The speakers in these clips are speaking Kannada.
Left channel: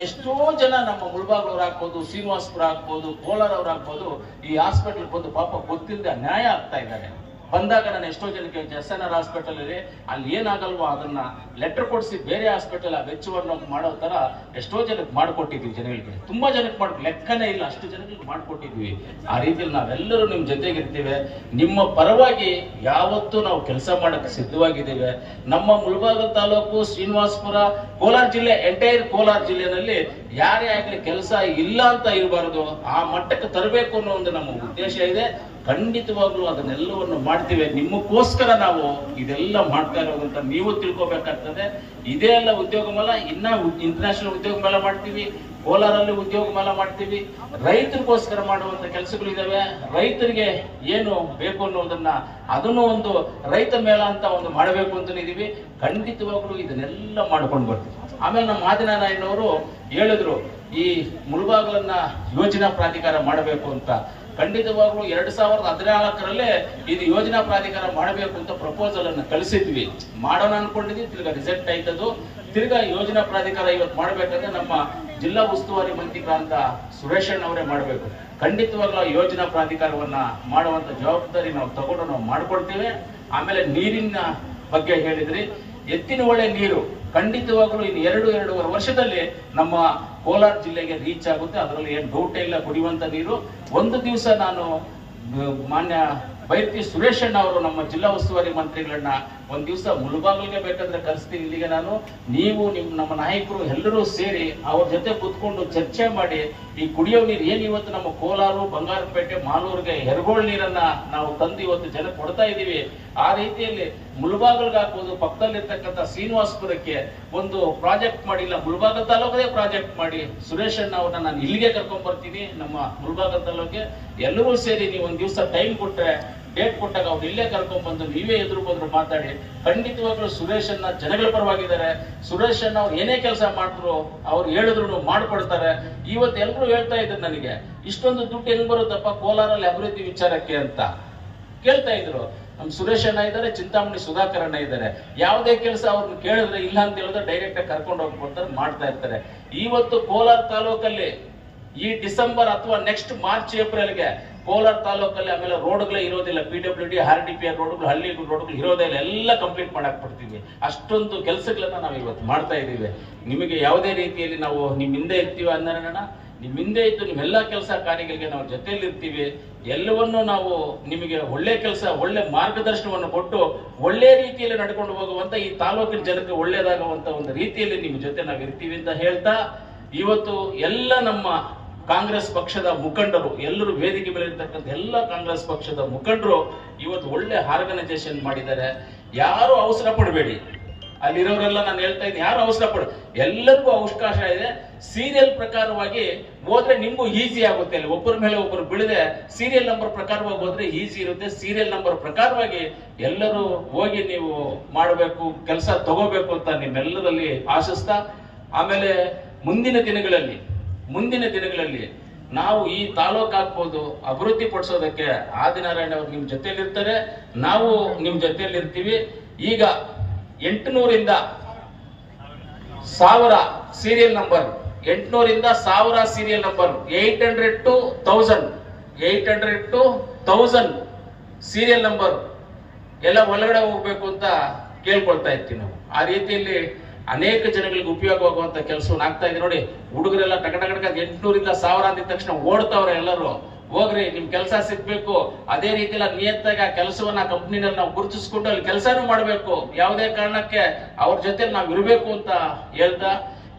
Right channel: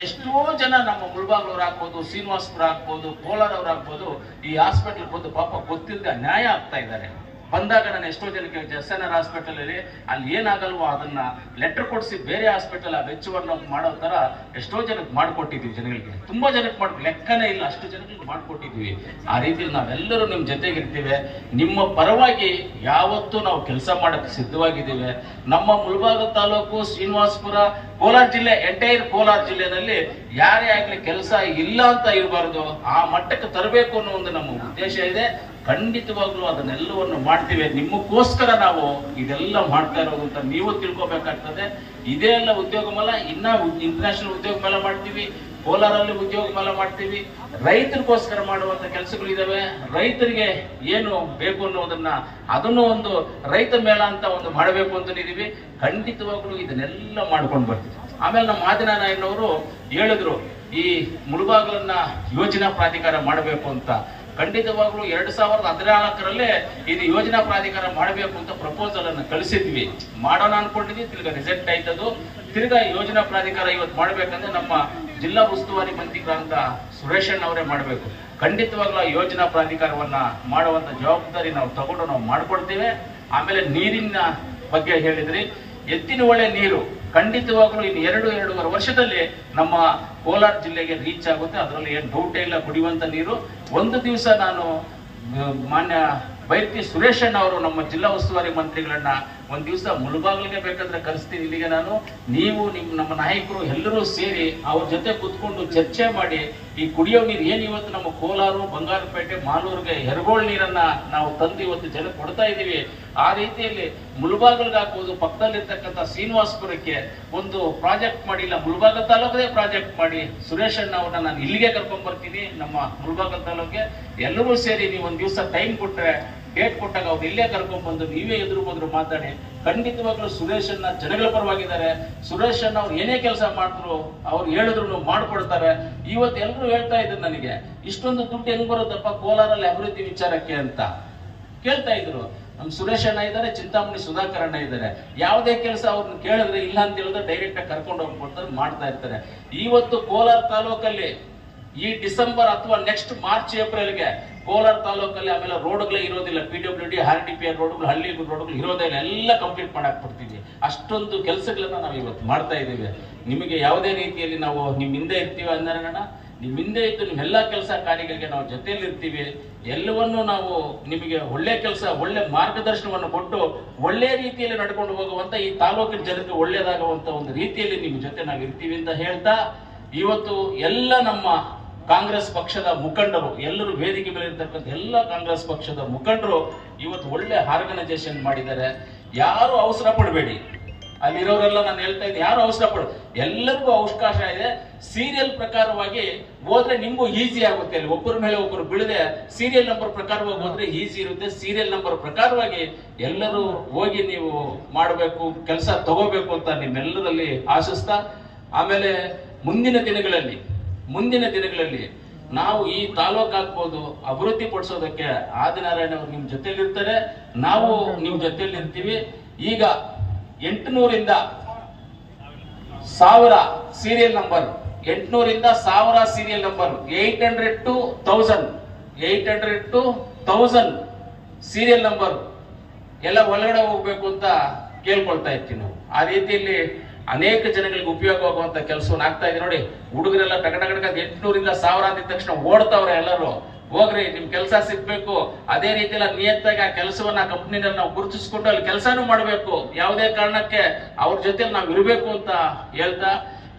ಎಷ್ಟೋ ಜನ ನಮ್ಮ ಮುಳ್ಬಾಗ್ಲವ್ರು ಆಗ್ಬೋದು, ಶ್ರೀನಿವಾಸ್ಪುರ ಆಗ್ಬೋದು, ಕೋಲಾರವ್ರು ಆಗ್ಬೋದು, ಈ ಹಾಸ್ಪಿಟಲ್ ಬಂದು ಪಾಪ ಗೊತ್ತಿಲ್ಲದೆ ನ್ಯಾಯ ಆಗ್ತಾ ಇದ್ದಾರೆ. ಬಂದಾಗ ನಾನು ಎಷ್ಟೋ ಜನಕ್ಕೆ ಆರ್ ಹಾಸ್ಪಿಟಲ್ ಇರಿ ಅಲ್ಲಿ ಏನಾಗಲ್ವೋ ಅದನ್ನ ಲೆಟರ್ ಕೊಡಿಸಿ ಬೇರೆ ಹಾಸ್ಪಿಟಲ್ ಆ ವೆಚ್ಚವನ್ನು ಮಾಡೋ ತರ ಎಷ್ಟೋ ಜನಕ್ಕೆ ಮಾಡ್ಕೊಟ್ಟಿದ್ವಿ ಜನಗಳಿಗೆ. ತುಂಬಾ ಜನಕ್ಕೆ ಮಾಡ್ ಲೆಕ್ಕನೇ ಇಲ್ಲ, ಅಷ್ಟು ಜನಗಳಿಗೆ ಮಾಡ್ಕೊಟ್ಟಿದ್ವಿ ಆ ರೀತಿಯಲ್ಲಿ ನಾವೆಲ್ಲರೂ ನಿಮ್ ಜೊತೆಗಿರ್ತೀವಿ ನಿಮ್ಮ ಪರವಾಗಿ ಯಾವತ್ತೂ ನಾವು ಕೆಲಸ ಮಾಡಕ್ಕೆ ಸಿದ್ಧವಾಗಿದ್ದೇವೆ. ನಮ್ಮ ಮುಳಬಾಗ ತಾಲೂಕು, ಶ್ರೀನಿವಾಸಪುರ, ಕೋಲಾರ ಜಿಲ್ಲೆ, ಎಂಟೈರ್ ಕೋಲಾರ ಜಿಲ್ಲೆನಲ್ಲಿ ಯಾರೇ ಆಗ್ಲಿ ಕೆಲಸ ಇಲ್ಲ ಅಂತ ಇರಬಾರ್ದು. ಆ ಮಟ್ಟಕ್ಕೆ ತರಬೇಕು ಅನ್ನೋ ಒಂದು ನಮ್ಮ ಉದ್ದೇಶ ಇದೆ. ಖಂಡಿತವಾಗ್ಲೂ ಅದನ್ನೆಲ್ಲವನ್ನು ಮಾಡ್ತೀವಿ. ನಿಮಗೋಸ್ಕರ ನಾವು ಇದೆಲ್ಲ ಮಾಡ್ತಾ ಇರೋದು ಅಂತ ನೀವು ತಿಳ್ಕೊಬೇಕಾಗ್ತದೆ. ಇದೇ ಎಲ್ಲ ಉದ್ಯೋಗ ಮೇಳ ಇನ್ನ ಇಂಟರ್ನ್ಯಾಷನಲ್ ಉದ್ಯೋಗ ಮೇಳ ಮಾಡ್ತೀವಿ, ಕೋಲಾರಲ್ಲಿ ಉದ್ಯೋಗ ಮೇಳ ಮಾಡ್ತೀವಿ. ರೈತರಿಗೋಸ್ಕರ ಮಾಡುವಂತ ಕೆಲಸಗಳು ಇದಾವೆ ರೈತರಿಗೆ ಏನು ಬೇಕು ಅನ್ನೋದನ್ನ ಅದನ್ನು ಒಂದು ರೈತ ಮೇಳ ಅಂತ ಒಂದು ಮಾಡಬೇಕು ಅಂತ ಇದೀವಿ ಖಂಡಿತವಾಗ್ಲೂ ಇದನ್ನೆಲ್ಲ ಮಾಡ್ಕೊಂಡು ಬರ್ತೀವಿ. ಆಮೇಲೆ ನಮ್ಮ ಆದಿನಾರಾಯಣವರು ಹೇಳಿದ್ರು, ಈ ಮುಳುಬಾಗಲನ್ನ ಯೋಜನಾ ಪ್ರಾಧಿಕಾರ ಮಾಡಬೇಕು ಅಂತ. ಖಂಡಿತವಾಗ್ಲೂ ಎರಡ್ ಸಾವಿರದ ಹದಿನಾಲ್ಕರಲ್ಲೇ ಇದು ಯೋಜನಾ ಪ್ರಾಧಿಕಾರ ಮಾಡಬೇಕು ಅಂತ ಪ್ರಪೋಸಲ್ ಅನ್ನು ಕಳಿಸಿದ್ವಿ. ಮಾಡೋಣ ಅನ್ಕೊಂಡಿದ್ವಿ, ತಿರ್ಗಾ ರಿಸೆಕ್ಟ್ ಆಯ್ತದು. ತಿರ್ಗಾ ಯೋಜನಾ ಪ್ರಾಧಿಕಾರ ಇವತ್ತು ಮಾಡ್ಬೇಕಂದ್ರೆ ನಮ್ಮ ಜಿಲ್ಲಾ ಉಸ್ತುವಾರಿ ಮಂತ್ರಿಗಳಂತ ಸುರೇಶಣ್ಣ ಅವರೇ ಮಾಡಬೇಕು. ಖಂಡಿತವಾಗ್ಲೂ ಯೋಜನಾ ಪ್ರಾಧಿಕಾರವನ್ನ ಮಾಡುವಂತ ಜವಾಬ್ದಾರಿ ನಾವು ತಗೊಂಡು ನಾವು ಮಾಡ್ಕೊಳ್ತೇವೆ ಆಮೇಲೆ ನೀರಿನ ಬಗ್ಗೆ ಹೇಳಿದ್ರಿ. ಎತ್ತಿನ ಒಳ್ಳೆ ನೀರು ಖಂಡಿತವಾಗ್ಲೂ ಇನ್ನು ಎರಡು, ಎರಡೂವರೆ ವರ್ಷದಲ್ಲಿ ನಮ್ಮ ಕೋಲಾರ ಜಿಲ್ಲೆಗೆ ರೀಚ್ ಆಗುತ್ತೆ. ಅದರಲ್ಲಿ ಏನು ಡೌಟೇ ಇಲ್ಲ, ಕುಡಿಯುವಂತ ನೀರು. ಒಂದು ದಿವಸ ನಾನು ಮಾನ್ಯ ಬೈರ್ತಿ ಸುರೇಶಣ್ಣ ಅವರು ನಮ್ಮ ಜಿಲ್ಲಾ ಉಸ್ತುವಾರಿ ಮಂತ್ರಿಗಳನ್ನ ಒಂದ್ ದಿವಸ ಮುಳುಬಾಗ್ಲಿಗೆ ಬೇಕಾದ್ರೆ ಕಲಿಸ್ತೀನಿ ಇಲ್ಲಿಗೆ ನಾನು. ನೀವು ನಿಮ್ ನಮ್ಮ ನಾಯಕರು ಎಲ್ಲರೂ ಸೇರಿ ಅವ್ರ ಜೊತೆ ಕುತ್ಕೊಂಡು ಚರ್ಚೆ ಮಾಡಿ, ಈ ಕುಡಿಯೋ ನೀರು ಏನ್ ಇವತ್ತು ನಮ್ಮ ಕೋಲಾರು, ಬಂಗಾರಪೇಟೆ, ಮಾಲೂರಿಗೆ ಹೆರಗೋಳ್ ನೀರನ್ನ ನಾವು ತಂದು ಇವತ್ತು ಜನ ಕೊಡ್ತಾ ಇದೀವಿ ಆ ರೀತಿಯಲ್ಲಿ ಮುಳುಬಾಗಲ್ಗೆ ಹಾಕೋದು ಪಕ್ಕದಲ್ಲಿರ್ತಕ್ಕಂಥ ಶ್ರೀನಿವಾಸಪುರಕ್ಕೆ ಒಂದು ಪ್ರಾಜೆಕ್ಟ್ ಮಾಡಿಲ್ಲ ಮುಳುಬಾಗಲ್ ತಾಲೂಕದೇ ಪ್ರಾಜೆಕ್ಟ್ ಮಾಡಿ ಸುರೇಶ್ ಅಣ್ಣ ಅವ್ರನ್ನ ನಾನು ಇಲ್ಲಿಗೆ ಕರ್ಕೊಂಡ್ ಬರ್ತೀನಿ ನಮ್ಮ ಮುಳುಬಾಗಲ್ ತಾಲೂಕಿಗೆ. ಎಲ್ಲರೂ ಸೇರಿ ನೀವು ಒಂದು ದಿವಸ ಟೈಮ್ ಕೊಟ್ರೆ ಡೇಟ್ ಕೊಟ್ಟಾಗ ಅವ್ರು ಇಲ್ಲೇ ಕರ್ಕೊಂಡ್ ಬಂದು ನೀವೇ ಎದುರು ಬಂದ್ರು ಮಾತಾಡಿ, ಖಂಡಿತವಾಗ್ಲೂ ಸುರೇಶ್ ಅನ್ನ ಜನಗಳ ಪರವಾಗಿದ್ದಾರೆ. ಸುರೇಶ್ ಅನ್ನ ಅವ್ರು ಏನೇ ಕೆಲಸ ಮಾಡಿದ್ರು ಅವ್ರು ಹೇಳಿದ್ರು ಮಾಡ್ಕೊಡ್ತಾರೆ. ಇವತ್ತು ಎಲ್ಲರೂ ಹೇಳ್ತಾ ಇದ್ರು ನನಗೆ, ಇಷ್ಟೊಂದು ದುಡ್ಡು ಹೆಂಗ್ ಬರುತ್ತಪ್ಪ ಕೋಲಾರಲ್ಲಿ ಅಭಿವೃದ್ಧಿ ವಿಚಾರಕ್ಕೆ ಅಂತ. ಕೇಳ್ತಾ ಇದ್ರು. ನಮ್ ಸುರೇಶ್ ಅಣ್ಣ ಇದ್ದಾರೆ, ಚಿಂತಾಮಣಿ ಸುಧಾಕರ್ ಅಣ್ಣ ಇದ್ದಾರೆ. ಯಾವುದೇ ಕೆಲಸ ಅವ್ರನ್ನ ಕೇಳಿದ್ರೆ ಇಲ್ಲ ಅಂತ ಹೇಳಿದ್ರೆ ಡೈರೆಕ್ಟ್ ಆಗಿ ಕರ್ಕೊಂಡು ಹೋಗ್ಬಿಡ್ತಾರೆ ಮಾಡ್ತಾ ಇರ್ತಾರೆ. ಇವತ್ತು ಕೋಲಾರ ತಾಲೂಕಲ್ಲಿ ಈ ಡಿಸೆಂಬರ್ ಅಥವಾ ನೆಕ್ಸ್ಟ್ ಮಾರ್ಚ್ ಏಪ್ರಿಲ್ಗೆ ಕೋಲಾರ ತಾಲೂಕಲ್ಲಿ ಆಮೇಲೆ ರೋಡ್ಗಳೇ ಇರೋದಿಲ್ಲ. P W D R D P R ರೋಡ್ಗಳು, ಹಳ್ಳಿ ರೋಡ್ಗಳು ಇರೋದೇ ಎಲ್ಲ ಕಂಪ್ಲೀಟ್ ಮಾಡಕ್ ಬರ್ತೀವಿ ಅಷ್ಟೊಂದು ಕೆಲಸಗಳನ್ನ ನಾವು ಇವತ್ತು ಮಾಡ್ತಾ ಇದ್ದೀವಿ. ನಿಮಗೆ ಯಾವುದೇ ರೀತಿಯಲ್ಲಿ ನಾವು ನಿಮ್ಮ ಹಿಂದೆ ಇರ್ತೀವಿ ಅಂದ್ರೆ ನಿಮ್ಮ ಹಿಂದೆ ಇದ್ದು ನಿಮ್ಮೆಲ್ಲ ಕೆಲಸ ಕಾರ್ಯಗಳಿಗೆ ನಾವು ಜೊತೆಯಲ್ಲಿ ಇರ್ತೀವಿ. ಎಲ್ಲವನ್ನೂ ನಾವು ನಿಮಗೆ ಒಳ್ಳೆ ಕೆಲಸ, ಒಳ್ಳೆ ಮಾರ್ಗದರ್ಶನವನ್ನು ಕೊಟ್ಟು ಒಳ್ಳೆ ರೀತಿಯಲ್ಲಿ ನಡ್ಕೊಂಡು ಹೋಗುವಂತ ಈ ತಾಲೂಕಿನ ಜನಕ್ಕೆ ಒಳ್ಳೇದಾಗುವಂತ ಒಂದು ರೀತಿಯಲ್ಲಿ ನಿಮ್ಮ ಜೊತೆ ನಾವು ಇರ್ತೀವಿ ಅಂತ ಹೇಳ್ತಾ, ಇವತ್ತು ಎಲ್ಲ ನಮ್ಮ ಕಾಂಗ್ರೆಸ್ ಪಕ್ಷದ ಮುಖಂಡರು, ಎಲ್ಲರೂ ವೇದಿಕೆ ಮೇಲೆ ಇರ್ತಕ್ಕಂಥ ಎಲ್ಲ ಕಾಂಗ್ರೆಸ್ ಪಕ್ಷದ ಮುಖಂಡರು ಇವತ್ತು ಒಳ್ಳೆ ಆರ್ಗನೈಸೇಷನ್ ಮಾಡಿದ್ದಾರೆ. ಯಾರು ಅವಸರ ಪಡಬೇಡಿ. ಅಲ್ಲಿರೋರೆಲ್ಲ ನಾನು ಹೇಳ್ತಾ ಇದ್ದೆ ಯಾರು ಅವಸರ ಪಡ, ಎಲ್ಲರಿಗೂ ಅವಕಾಶ ಇದೆ. ಸೀರಿಯಲ್ ಪ್ರಕಾರವಾಗಿ ಹೋದ್ರೆ ನಿಮಗೂ ಈಸಿ ಆಗುತ್ತೆ. ಅಲ್ಲಿ ಒಬ್ಬರ ಮೇಲೆ ಒಬ್ಬರು ಬೀಳದೆ ಸೀರಿಯಲ್ ನಂಬರ್ ಪ್ರಕಾರವಾಗಿ ಹೋದ್ರೆ ಈಸಿ ಇರುತ್ತೆ. ಸೀರಿಯಲ್ ನಂಬರ್ ಪ್ರಕಾರವಾಗಿ ಎಲ್ಲರೂ ಹೋಗಿ ನೀವು ಮಾಡಬೇಕು, ಕೆಲಸ ತಗೋಬೇಕು ಅಂತ ನಿಮ್ಮೆಲ್ಲರಲ್ಲಿ ಆಶಿಸ್ತಾ, ಆಮೇಲೆ ಮುಂದಿನ ದಿನಗಳಲ್ಲಿ ಮುಂದಿನ ದಿನಗಳಲ್ಲಿ ನಾವು ಈ ತಾಲೂಕು ಆಗ್ಬೋದು, ಅಭಿವೃದ್ಧಿ ಪಡಿಸೋದಕ್ಕೆ ಆದಿನಾರಾಯಣ ಅವರು ನಿಮ್ ಜೊತೆಯಲ್ಲಿರ್ತಾರೆ ನಾವು ನಿಮ್ ಜೊತೆಯಲ್ಲಿರ್ತೀವಿ ಈಗ ಎಂಟುನೂರಿಂದ ಸಾವಿರ ಸೀರಿಯಲ್ ನಂಬರ್ ಎಂಟುನೂರಿಂದ ಸಾವಿರ serial number eight hundred two thousand eight hundred two thousand serial number ಎಲ್ಲ ಒಳಗಡೆ ಹೋಗ್ಬೇಕು ಅಂತ ಕೇಳ್ಕೊಳ್ತಾ ಇರ್ತೀವಿ ನಾವು. ಆ ರೀತಿಯಲ್ಲಿ ಅನೇಕ ಜನಗಳಿಗೆ ಉಪಯೋಗ ಆಗುವಂತ ಕೆಲಸವನ್ನು ಆಗ್ತಾ ಇದೆ. ನೋಡಿ, ಹುಡುಗರೆಲ್ಲ ಟಕ ಟಕ ಎಂಟ್ನೂರಿಂದ ಎಂಟುನೂರಿಂದ ಸಾವಿರ ಅಂದಿದ ತಕ್ಷಣ ಓಡ್ತಾವ್ರೆ ಎಲ್ಲರೂ. ಹೋಗ್ರಿ, ನಿಮ್ ಕೆಲಸ ಸಿಗ್ಬೇಕು. ಅದೇ ರೀತಿಯಲ್ಲ ನಿಯತ್ತಾಗಿ ಆ ಕೆಲಸವನ್ನ ಕಂಪ್ನಿನಲ್ಲಿ ನಾವು ಗುರುತಿಸ್ಕೊಂಡು ಅಲ್ಲಿ ಕೆಲಸನೂ ಮಾಡಬೇಕು. ಯಾವುದೇ ಕಾರಣಕ್ಕೆ ಅವ್ರ ಜೊತೆ ನಾವು ಇರಬೇಕು ಅಂತ ಹೇಳ್ತಾ,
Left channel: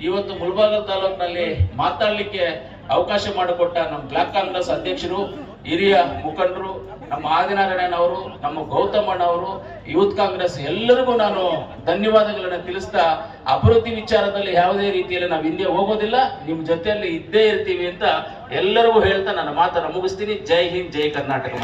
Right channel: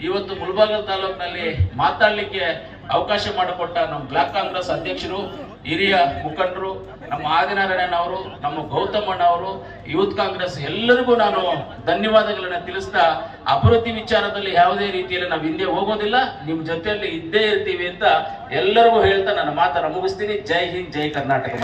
ಇವತ್ತು ಮುಳಬಾಗಲ್ ತಾಲೂಕಿನಲ್ಲಿ ಮಾತಾಡ್ಲಿಕ್ಕೆ ಅವಕಾಶ ಮಾಡಿಕೊಟ್ಟ ನಮ್ಮ ಬ್ಲಾಕ್ ಕಾಂಗ್ರೆಸ್ ಅಧ್ಯಕ್ಷರು, ಹಿರಿಯ ಮುಖಂಡರು, ನಮ್ಮ ಆದಿನಾರಾಯಣ ಅವರು, ನಮ್ಮ ಗೌತಮಣ್ಣ ಅವರು, ಯೂತ್ ಕಾಂಗ್ರೆಸ್ ಎಲ್ಲರಿಗೂ ನಾನು ಧನ್ಯವಾದಗಳನ್ನ ತಿಳಿಸ್ತಾ, ಅಭಿವೃದ್ಧಿ ವಿಚಾರದಲ್ಲಿ ಯಾವುದೇ ರೀತಿಯಲ್ಲಿ ನಾವು ಹಿಂದೆ ಹೋಗೋದಿಲ್ಲ, ನಿಮ್ ಜೊತೆಯಲ್ಲಿ ಇದ್ದೇ ಇರ್ತೀವಿ ಅಂತ ಎಲ್ಲರಿಗೂ ಹೇಳ್ತಾ ನನ್ನ ಮಾತನ್ನ ಮುಗಿಸ್ತೀನಿ. ಜೈ ಹಿಂದ್, ಜೈ ಕರ್ನಾಟಕ